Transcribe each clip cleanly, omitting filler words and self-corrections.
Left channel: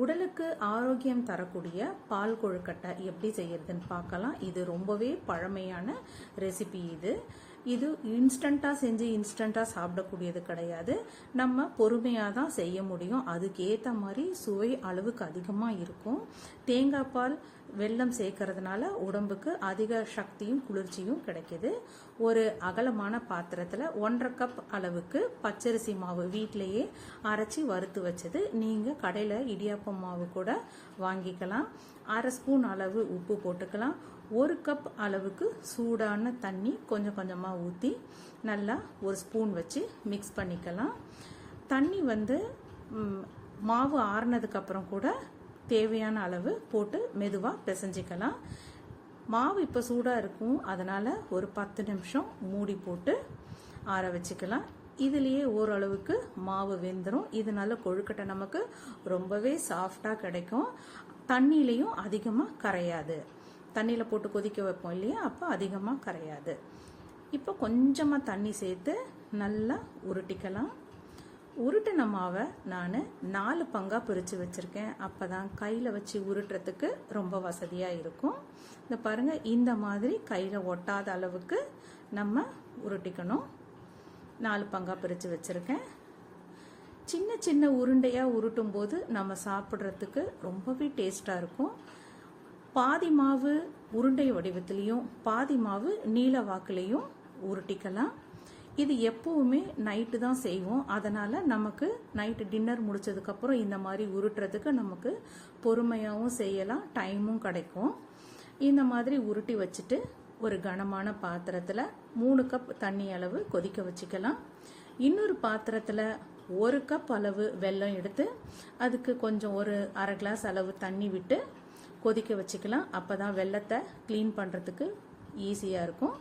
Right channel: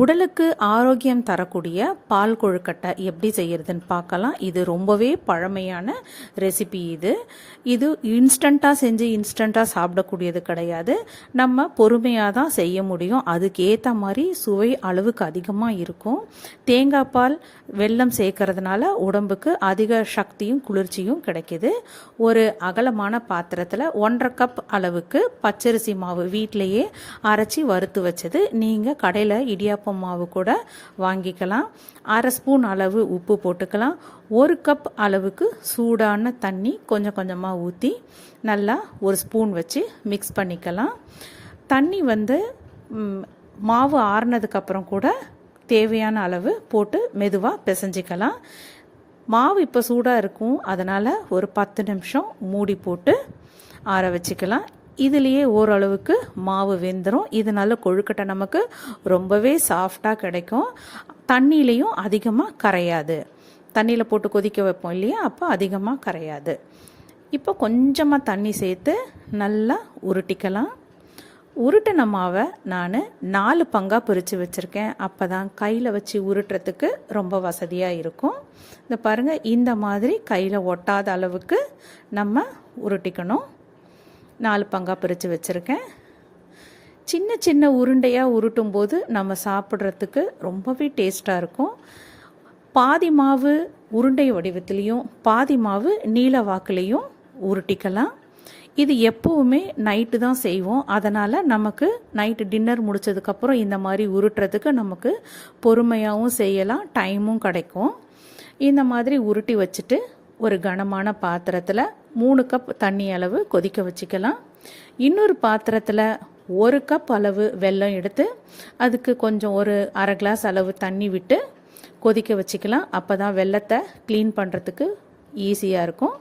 உடலுக்கு ஆரோக்கியம் தரக்கூடிய பால் கொழுக்கட்டை எப்படி செய்யறதுன்னு பார்க்கலாம். இது ரொம்பவே பழமையான ரெசிபி. இது இன்ஸ்டண்ட்டாக செஞ்சு இன்ஸ்டண்ட்டாக சாப்பிடக்கூடியது கிடையாது. நம்ம பொறுமையாக தான் செய்ய முடியும். அதுக்கேற்ற மாதிரி சுவை அளவுக்கு அதிகமாக இருக்கும். தேங்காய் பால் வெல்லம் சேர்க்கறதுனால உடம்புக்கு அதிக சக்தியும் குளிர்ச்சியும் கிடைக்கிது. ஒரு அகலமான பாத்திரத்தில் 1.5 கப் அளவுக்கு பச்சரிசி மாவு வீட்டிலையே அரைச்சி வறுத்து வச்சது. நீங்கள் கடையில் இடியாப்பம் மாவு கூட வாங்கிக்கலாம். 1/2 ஸ்பூன் அளவு உப்பு போட்டுக்கலாம். 1 கப் அளவுக்கு சூடான தண்ணி கொஞ்சம் கொஞ்சமாக ஊற்றி நல்லா 1 ஸ்பூன் வச்சு மிக்ஸ் பண்ணிக்கலாம். தண்ணி மாவு ஆறுனதுக்கப்புறம் கூட தேவையான அளவு போட்டு மெதுவாக பிசைஞ்சிக்கலாம். மாவு இப்போ சூடாக இருக்கும், அதனால் ஒரு 10 நிமிஷம் மூடி போட்டு ஆற வச்சுக்கலாம். இதுலேயே ஓரளவுக்கு மாவு வெந்துடும். இதனால கொழுக்கட்டை நமக்கு ரொம்பவே சாஃப்டாக கிடைக்கும். தண்ணியிலையும் அதிகமாக கரையாது. தண்ணியில் போட்டு கொதிக்க வைப்போம் இல்லையா, அப்போ அதிகமாக கரையாது. இப்போ கொஞ்சமாக தண்ணி சேர்த்து நல்லா உருட்டிக்கலாம். உருட்டின மாவை நான் 4 பங்காக பிரித்து வச்சுருக்கேன். அப்போ தான் கையில் வச்சு உருட்டுறதுக்கு ரொம்ப வசதியாக இருக்கும். இந்த பாருங்கள், இந்த மாதிரி கையில் ஒட்டாத அளவுக்கு நம்ம உருட்டிக்கணும். 4 பங்காக பிரித்து வச்சுருக்கேன். சின்ன சின்ன உருண்டையாக உருட்டும் போது நம்ம சாப்பிட்றதுக்கு ரொம்பவே டேஸ்ட்டாக இருக்கும். பாதி மாவு உருண்டை வடிவத்துலேயும் பாதி மாவு நீல வாக்குலேயும் உருட்டிக்கலாம். இது எப்போவுமே நைட்டு தான் செய்வோம். அதனால் நமக்கு நைட்டு டின்னர் முடித்ததுக்கப்புறம் இந்த மாதிரி உருட்டுறதுக்கு நமக்கு பொறுமையாகவும் செய்யலாம், டைமும் கிடைக்கும். இந்த மாதிரி உருட்டி வச்சுட்டு ஒரு கனமான பாத்திரத்தில் 3 கப் தண்ணி அளவு கொதிக்க வச்சுக்கலாம். இன்னொரு பாத்திரத்தில் 1 கப் அளவு வெல்லம் எடுத்து அதுக்கு கொஞ்சம் ஒரு 1/2 கிளாஸ் அளவு தண்ணி விட்டு கொதிக்க வச்சுக்கலாம். அப்போ தான் வெல்லத்தை க்ளீன் பண்ணுறதுக்கு ஈஸியாக இருக்கும்.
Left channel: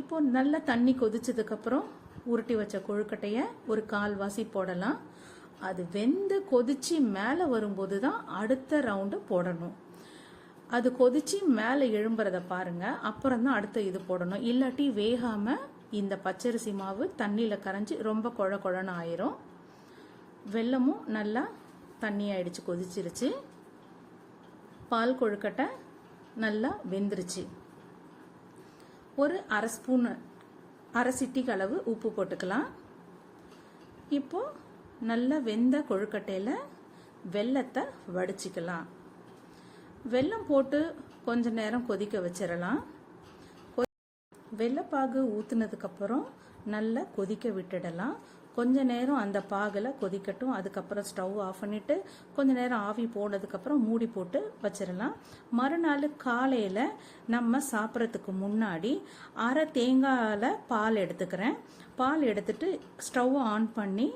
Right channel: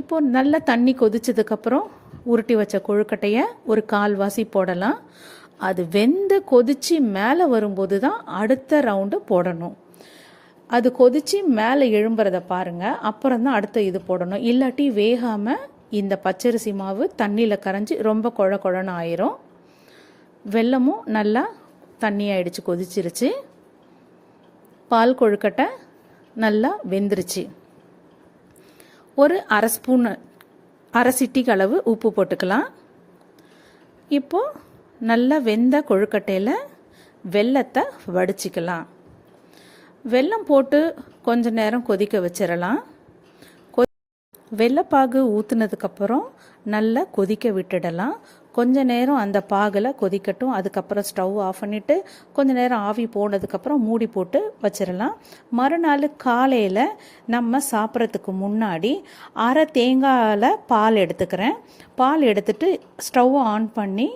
இப்போது நல்ல தண்ணி கொதிச்சதுக்கப்புறம் உருட்டி வச்ச கொழுக்கட்டையை ஒரு 1/4 வாசி போடலாம். அது வெந்து கொதித்து மேலே வரும்போது தான் அடுத்த ரவுண்டு போடணும். அது கொதித்து மேலே எழும்புறதை பாருங்கள், அப்புறம் தான் அடுத்த இது போடணும். இல்லாட்டி வேகாமல் இந்த பச்சரிசி மாவு தண்ணியில் கரைஞ்சி ரொம்ப குழ குழன்னு ஆயிரும். வெல்லமும் நல்லா தண்ணி ஆயிடுச்சு, கொதிச்சிருச்சு. பால் கொழுக்கட்டை நல்லா வெந்துருச்சு. ஒரு 1/2 ஸ்பூன் 1/2 சிட்டிக்கு அளவு உப்பு போட்டுக்கலாம். இப்போது நல்லா வெந்த கொழுக்கட்டையில் வெல்லத்தை வடிச்சிக்கலாம். வெல்லம் போட்டு கொஞ்ச நேரம் கொதிக்க வச்சிடலாம். வெல்லப்பாகு ஊற்றுனதுக்கப்புறம் நல்லா கொதிக்க விட்டுடலாம். கொஞ்ச நேரம் அந்த பாகில் கொதிக்கட்டும். அதுக்கப்புறம் ஸ்டவ் ஆஃப் பண்ணிவிட்டு கொஞ்ச நேரம் ஆவி போனதுக்கப்புறம் மூடி போட்டு வச்சிடலாம். மறுநாள் காலையில் நம்ம சாப்பிட்றதுக்கு முன்னாடி 1/2 தேங்காயில் பால் எடுத்துக்கிறேன். பால் எடுத்துட்டு ஸ்டவ்வை ஆன் பண்ணி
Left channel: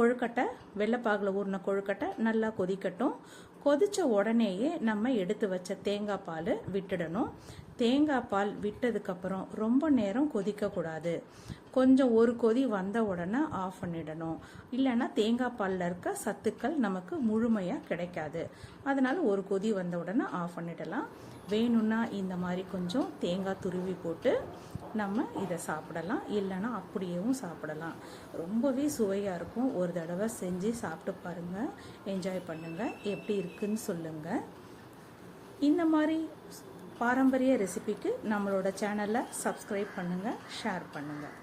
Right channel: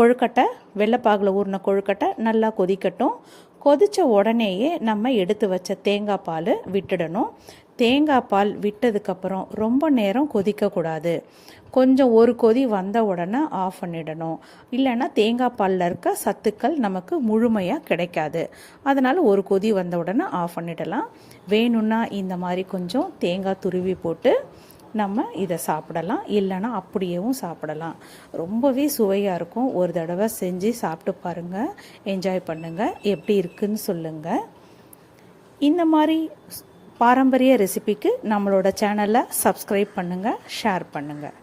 கொழுக்கட்டை வெள்ளைப்பாகில் ஊறின கொழுக்கட்டை நல்லா கொதிக்கட்டும். கொதித்த உடனேயே நம்ம எடுத்து வச்ச தேங்காய் பால் விட்டுடணும். தேங்காய் பால் விட்டதுக்கப்புறம் ரொம்ப நேரம் கொதிக்கக்கூடாது. கொஞ்சம் ஒரு கொதி வந்த உடனே ஆஃப் பண்ணிடணும். இல்லைன்னா தேங்காய் பாலில் இருக்க சத்துக்கள் நமக்கு முழுமையாக கிடைக்காது. அதனால் ஒரு கொதி வந்த உடனே ஆஃப் பண்ணிடலாம். வேணும்னா இந்த மாதிரி கொஞ்சம் தேங்காய் துருவி போட்டு நம்ம இதை சாப்பிடலாம். இல்லைன்னா அப்படியேவும் சாப்பிடலாம். ரொம்பவே சுவையாக இருக்கும். ஒரு தடவை செஞ்சு சாப்பிட்டு பாருங்கள், என்ஜாய் பண்ணுங்கள், எப்படி இருக்குன்னு சொல்லுங்கள். இந்த மாதிரி பாரம்பரிய ரெசிபிக்கு நம்மளோட சேனலை சப்ஸ்கிரைப் பண்ணுங்கள், ஷேர் பண்ணுங்கள்.